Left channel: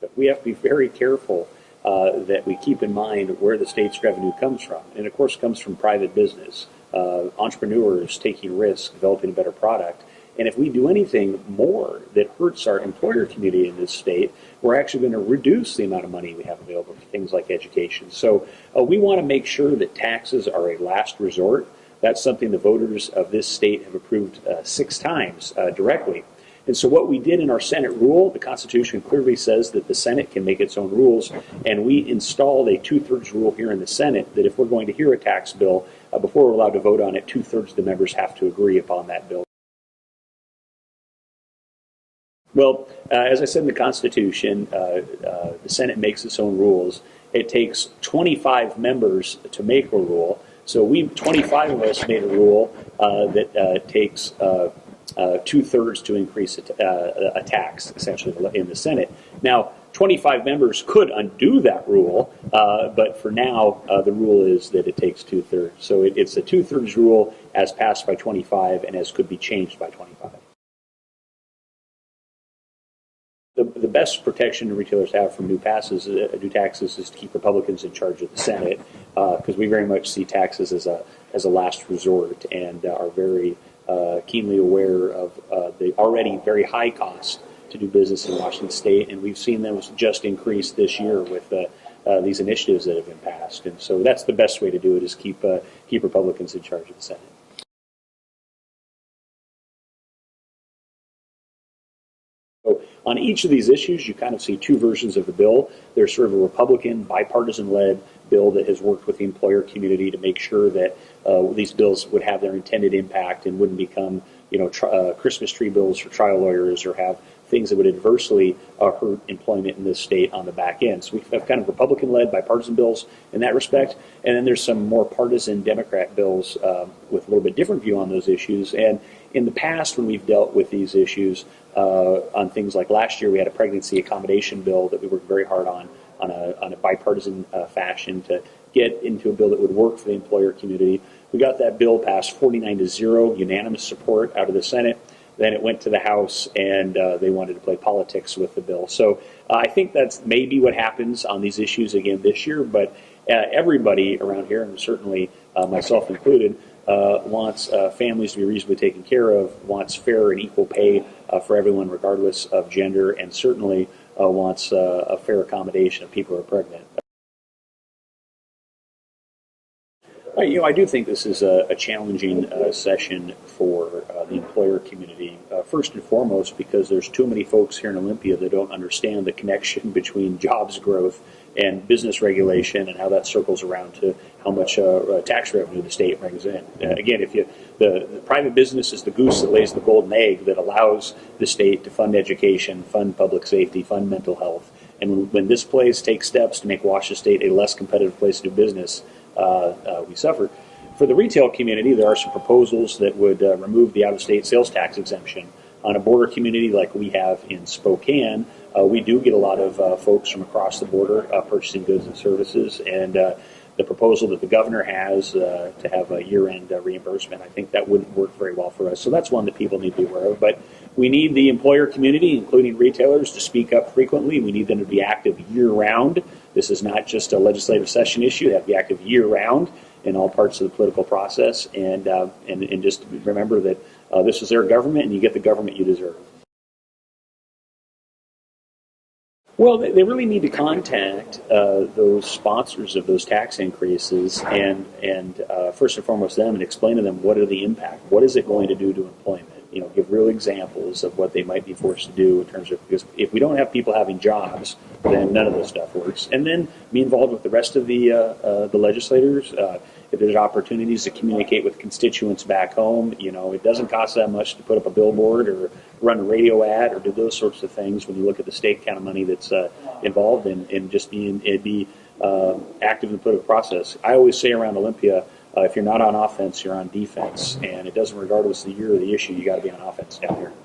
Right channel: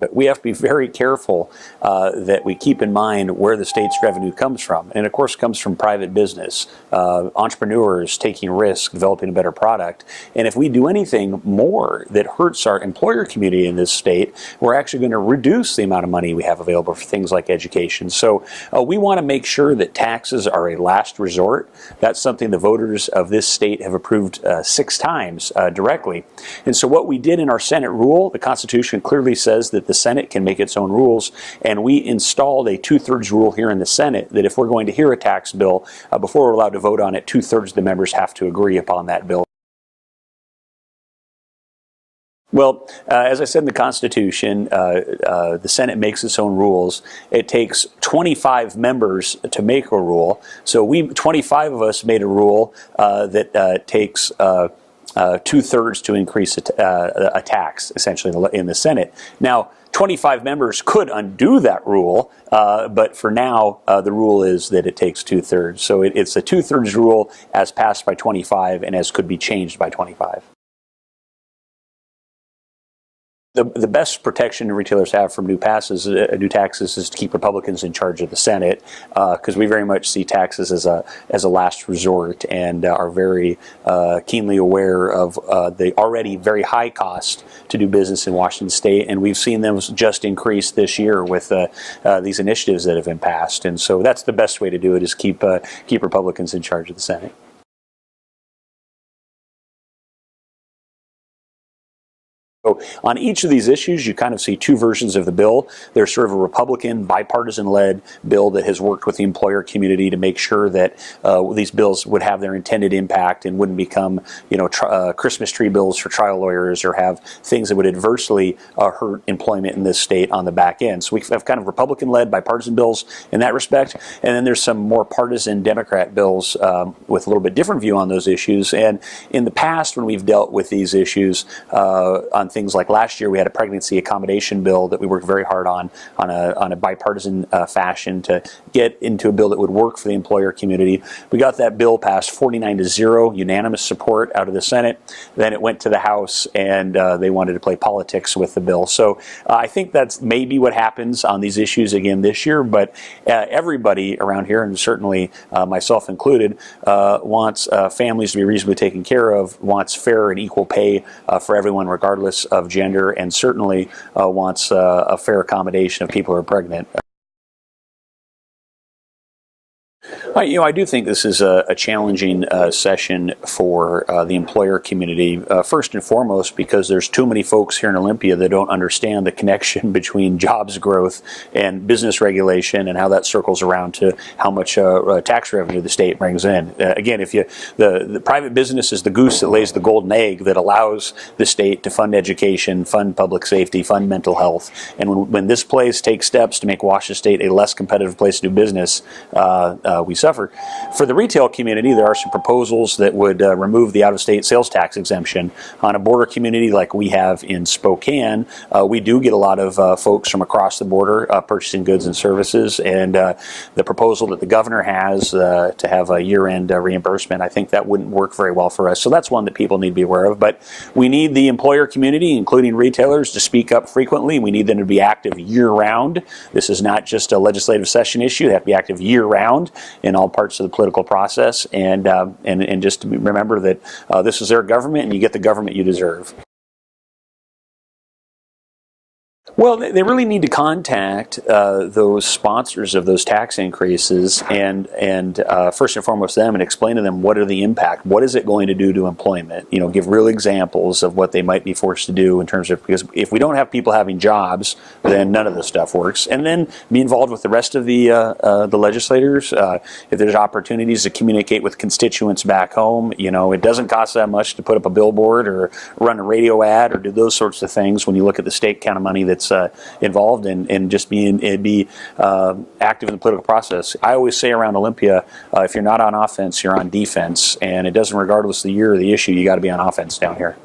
But we have to be very careful that we keep in mind where the state's revenue comes from. And of course, it comes from private business, entrepreneurs taking risks, developing a better product. And if we do anything more that hurts our employer community in this state, we're actually going to reduce the amount of money we have available for things like education. So we want to make sure that taxes are a last resort. That's something the voters of this state have approved 6 times directly. And so what we did in our Senate rule, the Constitution clearly says that the Senate can make its own rules, and we installed a 2/3 rule here in the Senate that if we're going to hear a tax bill, before we're allowed to vote on it, 2/3 of the members have to agree upon that bill. Well, as I said in the Constitution, the Senate makes its own rules. It takes 25 members to make a rule. So 25 of us made a rule that takes 2/3 to increase a tax, essentially, in the Senate. Now, 25 members could undo that rule, but for now, the rule is that it takes 2/3. So it's a 2/3 rule as passed by 25 and as could be changed by 25. The best protection retailers have from new taxes is to keep Republicans in charge of the Senate, because we very much see taxes as a last resort and are very keenly aware of the already very high cost to do business in Washington State, and we've seen them just increase this year with these initiatives that have been passed. And so that's the best way to do it, is keep Republicans in charge of the Senate. So on each of these issues, you kind of see 2 versions of the bill. There's sort of a Republican, bipartisan-led bill that has worked with the employer community to make sure that these bills would have their intended impact and wouldn't become, Christmas tree bills for trial lawyers, or have things that would adversely hurt employment in this state on the back end. So we have kind of Republican-led, bipartisan bills in that respect, and then there's some more partisan Democrat bills with a little bit different view on those issues. And in the past, when we've dealt with these issues on things like last year, we had a pregnancy accommodation bill that we worked very hard on a bipartisan fashion to get into a bill that would work for the employer community. We got that bill passed 49-0, unanimous support out of the Senate. Then it went to the House, and they wanted to play politics with the bill. So I think that's maybe what happens on these issues again this year, but everybody around here, and certainly myself included, wants families to be reasonably taken care of, wants fair and equal pay for everyone regardless of gender, and certainly wants a fair accommodation of people who are pregnant. I do think this is a challenging session for the employer community, first and foremost because there's too many folks here in Olympia that don't understand the connection between jobs growth and business regulation and how that circles around to how much tax revenue the state brings in. Again, if the private business is the goose that lays the golden egg that allows the state to fund education, fund public safety, fund mental health, and when this place takes steps to make Washington State a less competitive place to do business, we suffer. For the retail community, there are some proposals that would remove the out-of-state sales tax exemption. On a border community like we have in Spokane, we do get a lot of folks from across the border purchasing goods and services, and the proposal that the governor has to have a year-end reimbursement, I think that wouldn't work very well for us. So that's one that people need to be aware of. But we need the employer community, including retailers, to speak up frequently. We need them to be active year-round. This is not just a legislative session issue. They have to be active year-round in all parts of the political process, and just to remember that this is their government, and you get the government you deserve. Well, they really need to contact those sponsors of those tax increases and first and foremost them, and explain to them what are the impact. What is it going to do to employment? Give real examples of what they might be forced to do in terms of, because if we don't have people having jobs, then none of this stuff works. And then be involved with the rest of the legislators. If there's opportunities to communicate with constituents back home, it doesn't cost that much to put up a billboard or run a radio ad or do those sorts of things when you look at the state kind of money that's involved and just be active in the political process. I always say around Olympia, if you're not on offense, you're on defense, and it doesn't, regardless of the year or the issue, you got to be on offense down here.